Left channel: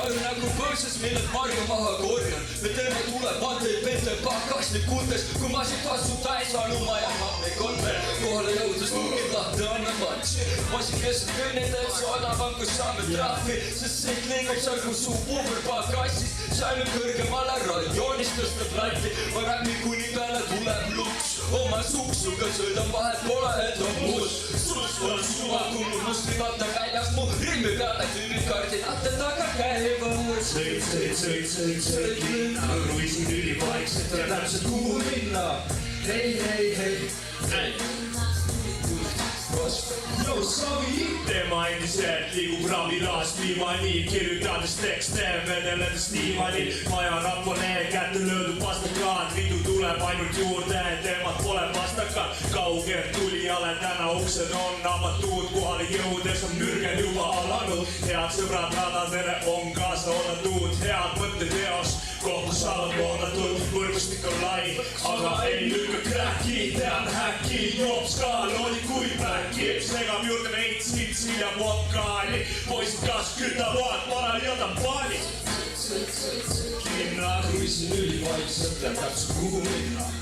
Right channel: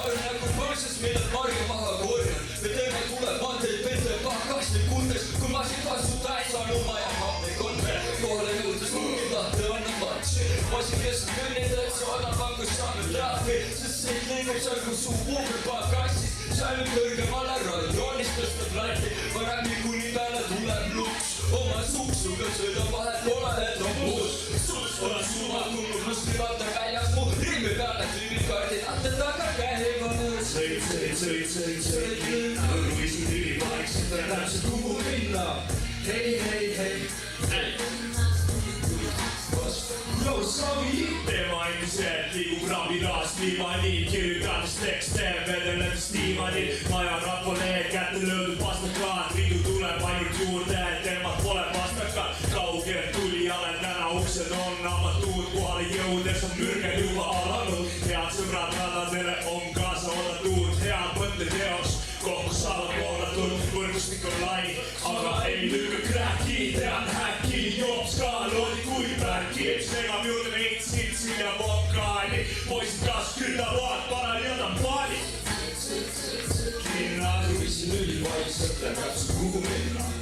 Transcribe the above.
aga nagu põõsas meile marja maha korjan. Me teeme tulevandeid vete pakastikutes, kui masikasvuta ei saanud maja hapne konver. Kohale jõudes tugi lahti anna matši. Masikesed kõnnideks vanavangus saame trahvi, sest see klingub seal kui suu puuverpakassis. Saime kõrgemale radioonist tõsta platti, varem kuni peale tuleb luks. Oma suksuga sõidan vahet pole, et on muus. Sus on suva, kui mul muslimata väljas mu rimmi peale kliinikardid ahte taga käivad. Sõid linna, kruiisid ülivaikselt ja täpselt kuhu minna. Hei. Tema endiselt liigub ravilast niimoodi, kirjutades tekste, vedeledes niimoodi. Maja rahvale kätte löödud pastakraan, vidu tuleb ainult juurde, temad pole pastakad. Kaugelt tulijale täna uksed on avatud, kohale jõudes on mürged juba alanud. Head sõbrad nadadele on kaasa oodatud, head mõtted eos, kohtu saavad oodatud. Võrgustik on lai, aga ei lükka kräki, tean häkki, joob skaaloodi kui pärki. Segab juurde veits vitsi ja vodkaali, poisid kas kütavad, panal jätan paali. Linna kruiisin ülivaikselt ja täpselt kuhu minna.